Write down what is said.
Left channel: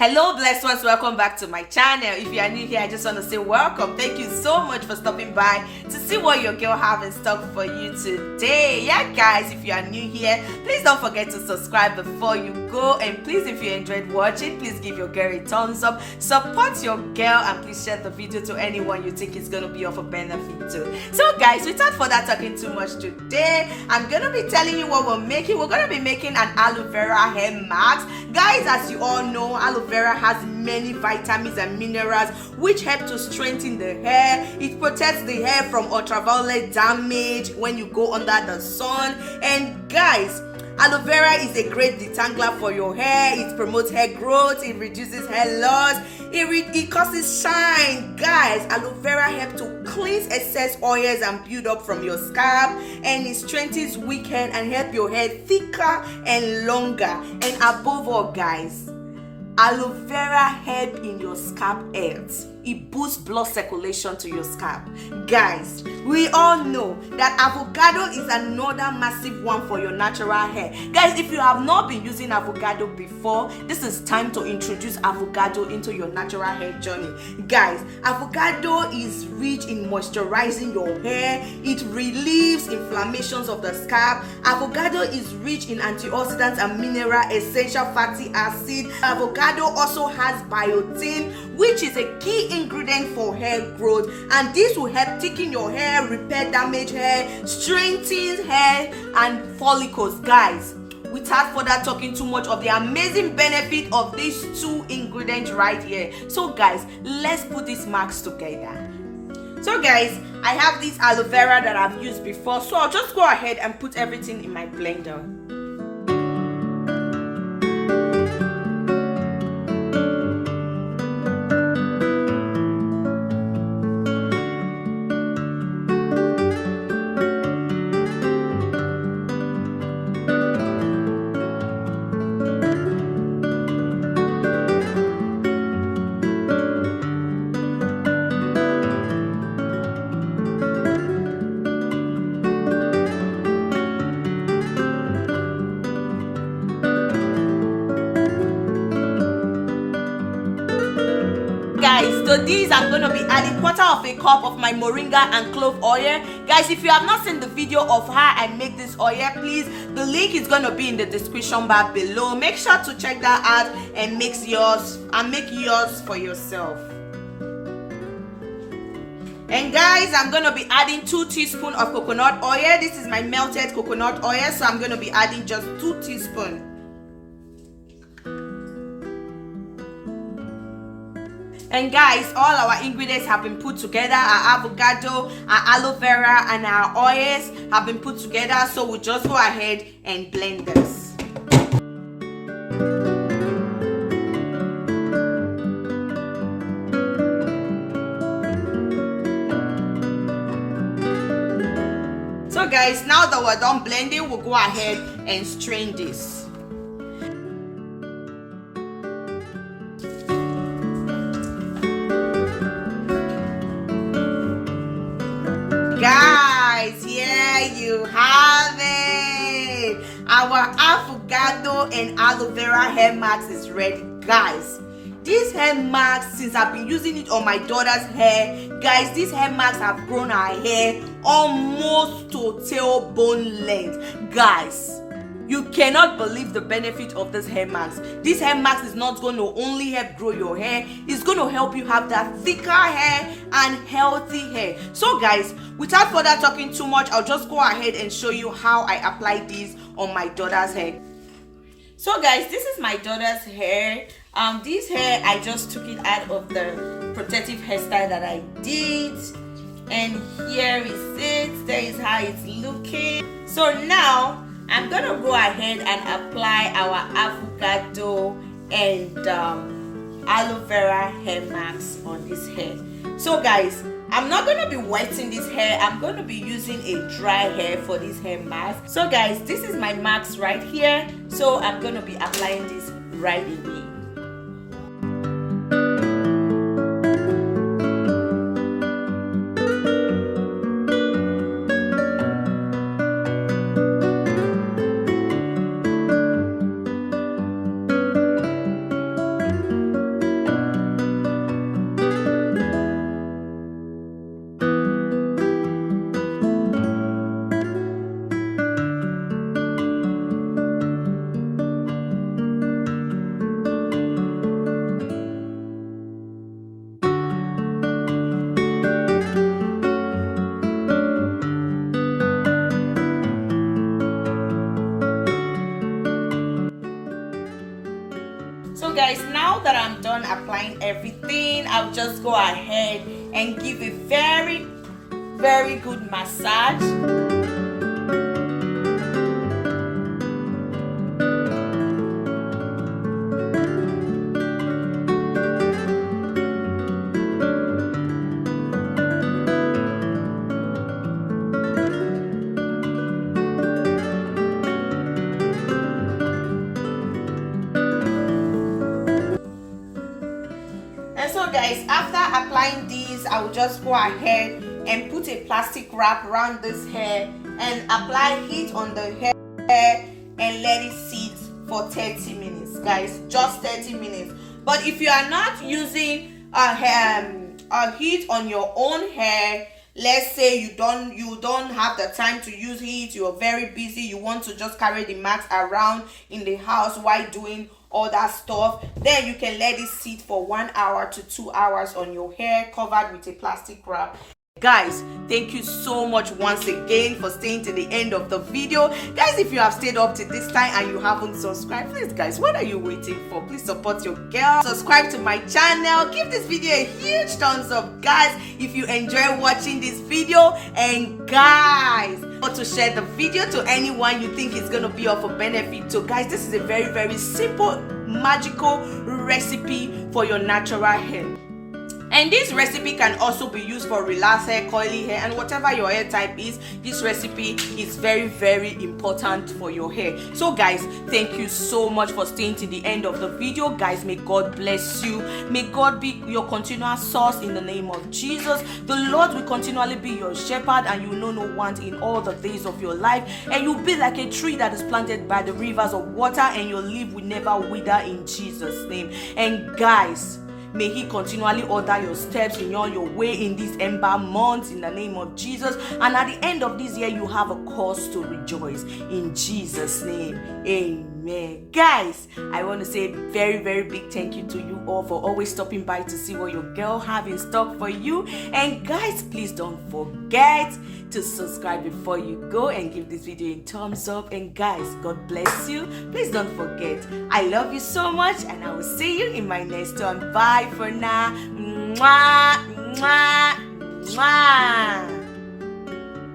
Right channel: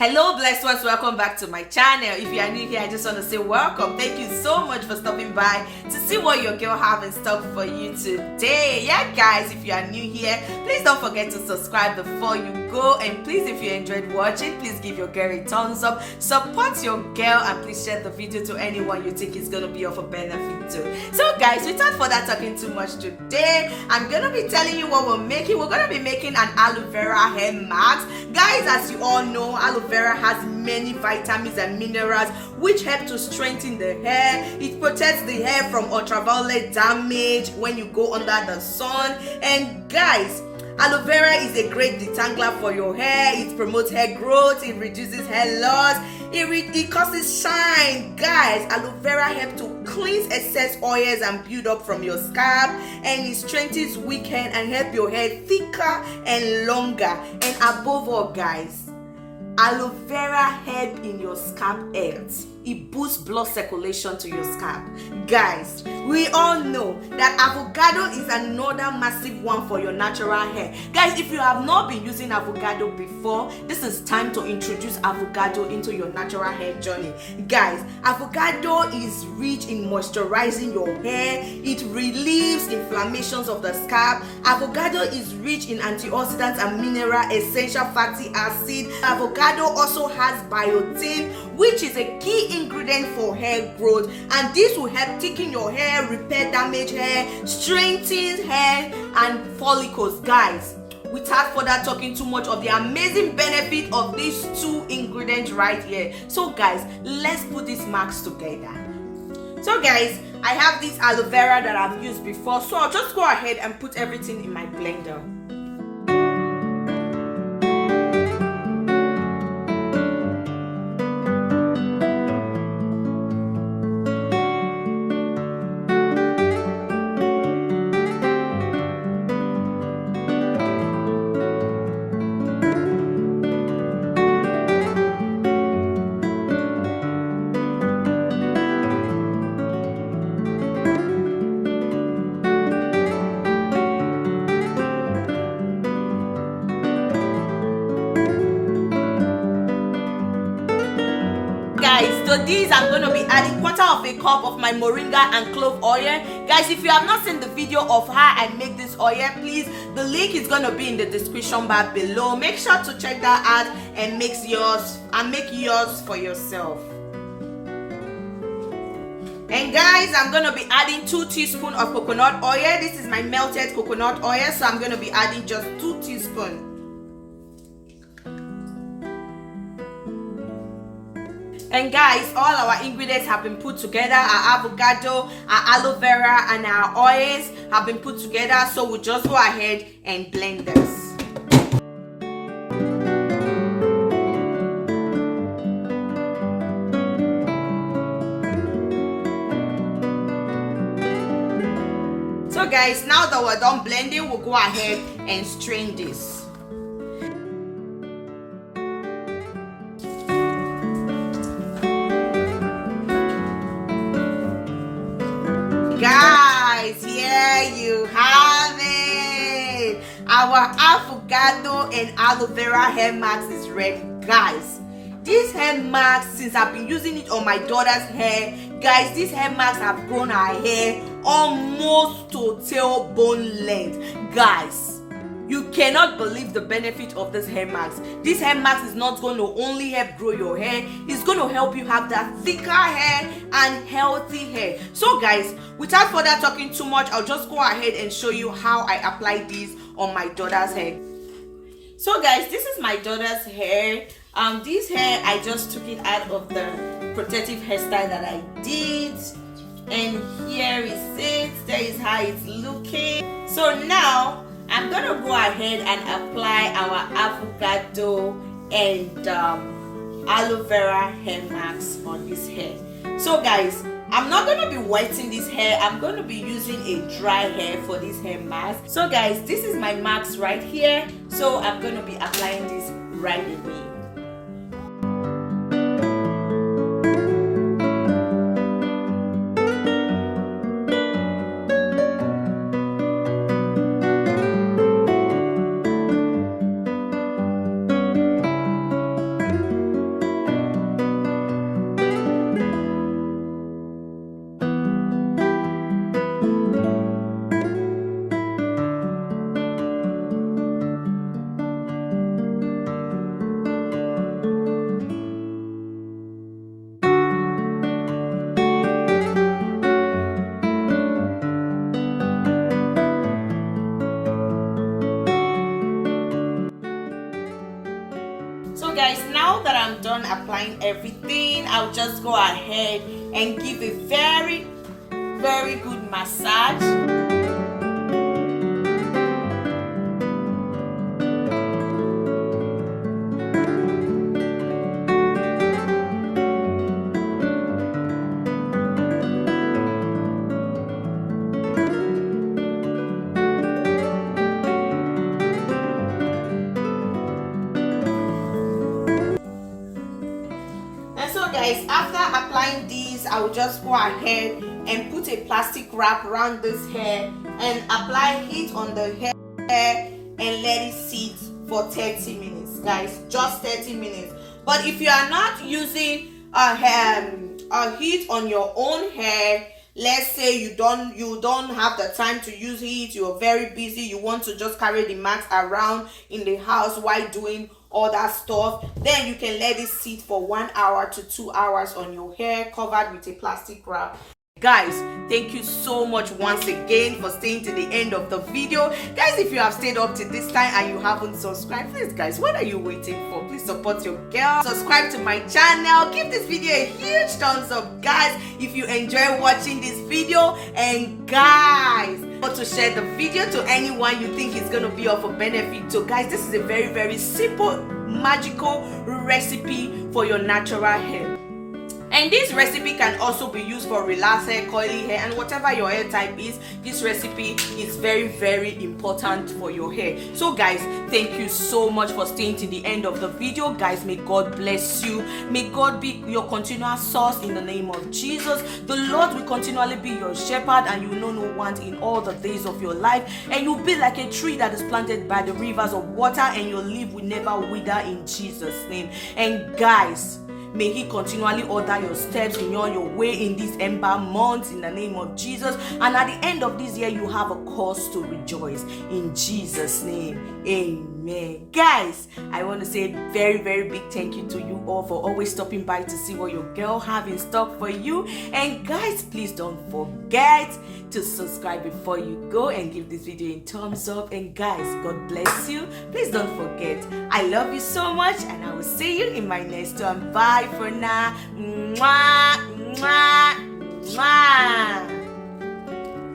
Hello blessed ones, welcome back to my channel. If you are new here, I just want to say welcome. Thank you so much for stopping by to see what your girl have in stock for you today. Yeah guys, if you are new here, please don't forget to subscribe before you go, and please, if you enjoyed watching, please give your girl a thumbs up, support your girl, and please share the video to anyone you think is going to be of a benefit to. So guys, without further talking too much today, I'm going to be telling you what we're making. We're going to be making an aloe vera hair mask. Guys, as you all know, aloe vera has many vitamins and minerals which help to strengthen the hair. It protects the hair from ultraviolet damage when you go under the sun. And guys, aloe vera is a great detangler for your hair. It promotes hair growth, it reduces hair loss, it causes shine. Guys, aloe vera helps to cleanse excess oils and build up from your scalp, and it strengthens weak hair and help your hair thicker and longer. And above all guys, aloe vera help in your scalp health. It boosts blood circulation to your scalp. Guys, we all know that avocado is another massive one for your natural hair. Guys, if you have not been using avocado before, this is time to introduce avocado into your natural hair journey. Guys, avocado is rich in moisturizing your hair. It relieves inflammations of the scalp. Avocado is rich in antioxidants and mineral essential fatty acid. Avocado also has biotin, which is a key ingredient for hair growth, and this will help thicken your hair, repair damaged hair, strengthen hair and follicles. Guys, without further talking too much of the amazing benefit of these two ingredients right here, so guys, let's put these marks together. So guys, I have this aloe vera that I've used before, so I'll just go ahead and put everything in my blender. Guys, to these I'm going to be adding 1/4 cup of my moringa and clove oil. Guys, if you have not seen the video of how I make this oil, please, the link is going to be in the description bar below. Make sure to check that out and make yours for yourself. And guys, I'm going to be adding 2 teaspoons of coconut oil. This is my melted coconut oil, so I'm going to be adding just 2 teaspoons. And guys, all our ingredients have been put together. Our avocado, our aloe vera, and our oils have been put together. So we'll just go ahead and blend this. So guys, now that we're done blending, we'll go ahead and strain this. Guys, here you have it. Our avocado and aloe vera hair mask is ready. Guys, this hair mask, since I've been using it on my daughter's hair, guys, these hair masks have grown her hair almost to tailbone length. Guys, you cannot believe the benefit of this hair mask. This hair mask is not going to only help grow your hair, it's going to help you have that thicker hair and healthy hair. So guys, without further talking too much, I'll just go ahead and show you how I apply this on my daughter's hair. So guys, this is my daughter's hair. This hair, I just took it out of the protective hairstyle that I did, and here is it. There is how it's looking. So now I'm gonna go ahead and apply our avocado and aloe vera hair mask on this hair. So guys, I'm not gonna be wetting this hair. I'm gonna be using a dry hair for this hair mask. So guys, this is my mask right here. So I'm gonna be applying this right away. guys, now that I'm done applying everything, I'll just go ahead and give a very good massage. Guys, after applying these, I will just go ahead and put a plastic wrap around this hair and apply heat on the hair and let it sit for 30 minutes, guys. Just 30 minutes. But if you are not using a heat on your own hair, let's say you don't have the time to use heat, you're very busy, you want to just carry the mask around in the house while doing all that stuff, then you can let it sit for 1 hour to 2 hours on your hair covered with a plastic wrap. Guys, thank you so much once again for staying to the end of the video. Guys, if you have stayed up to this time and you haven't subscribed, please guys, what are you waiting for? Please support your girl. Subscribe to my channel. Give this video a huge thumbs up, guys, if you enjoy watching this video. And guys, to share the video to anyone you think is going to be of a benefit. So guys, this is a very simple magical recipe for your natural hair. And this recipe can also be used for relaxed hair, coily hair, and whatever your hair type is. This recipe is very important for your hair. So guys, thank you so much for staying to the end of the video. Guys, may God bless you. May God be your continual source in the name of Jesus. The Lord will continually be your shepherd, and you will know no want in all the days of your life. And you'll be like a tree that is planted by the rivers of water, and your leaf will never wither in Jesus' name. And guys, may He continually order your steps in all your way in this ember month in the name of Jesus. And at the end of this year, you have a cause to rejoice in Jesus' name. Amen. Guys, I want to say very big thank you to you all for always stopping by to see what your girl have in stock for you. And guys, please don't forget to subscribe before you go and give this video a thumbs up. And guys, God bless you. Please don't forget, I love you so much, and I will see you in my next one. Bye for now. Mwah, mwah, mwah.